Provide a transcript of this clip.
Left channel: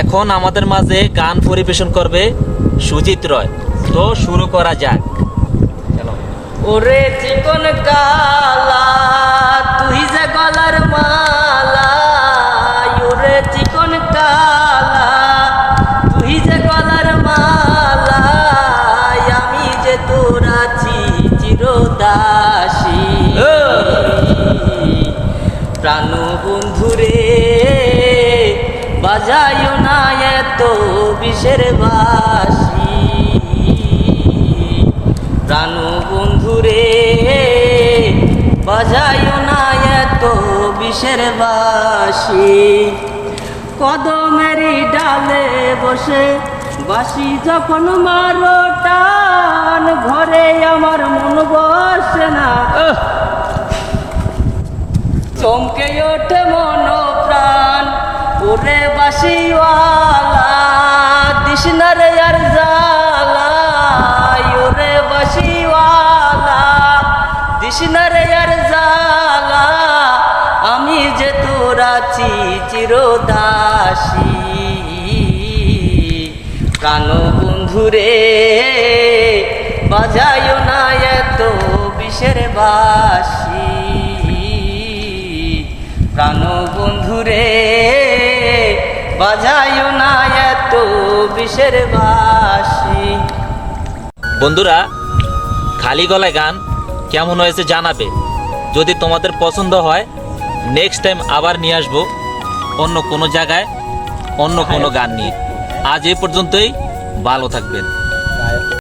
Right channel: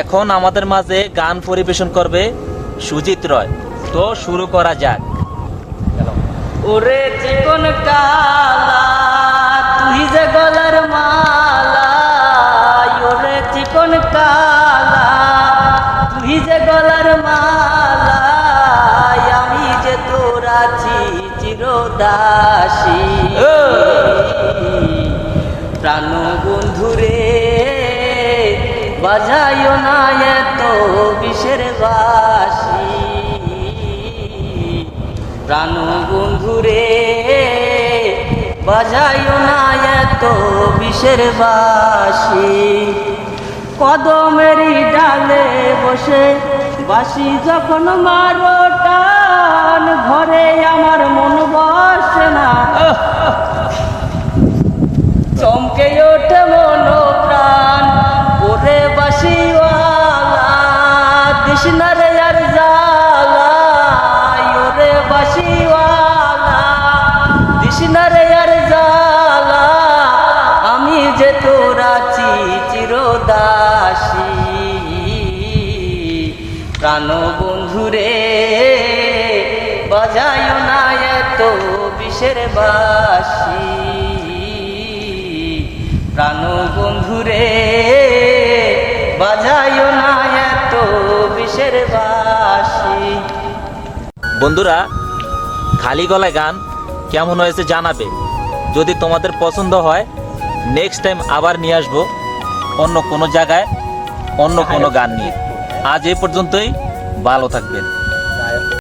এখন আমাদের মাঝে গান পরিবেশন করবে সুজিত রয়। তো শুরু করা যাক। চলো। ওরে চিকন কালা তুই যে গলার মালা, ওরে চিকন কালা তুই যে গলার মালা, আমি যে তোর আছি চিরদাসী। প্রাণ বন্ধুরে বাজাইও না এত বিষের বাসি, প্রাণ বন্ধুরে বাজাইও না এত বিষের বাসি। কদমেরই ডালে বসে বাসি যখন মারো টান, ঘরে আমার মন বসে না, চমকে ওঠে মন প্রাণ। ওরে বাসিওয়ালা দিস না রে আর জ্বালা, ওরে বাসিওয়ালা দিস না রে আর জ্বালা, আমি যে তোর আছি চিরদাসী। প্রাণ বন্ধুরে বাজাইও না এত বিষের বাসি, প্রাণ বন্ধুরে বাজাইও না এত বিষের বাসি। বন্ধুরা, খালি গলায় গান কেমন হয়েছে জানাবে। যদি তোমাদের পছন্দ হয় নেক্সট টাইম আবার নিয়ে আসবো অন্য কোনো জায়গায় অন্য কোনো গান নিয়ে। আজ এই পর্যন্তই, ভালো থাকবেন।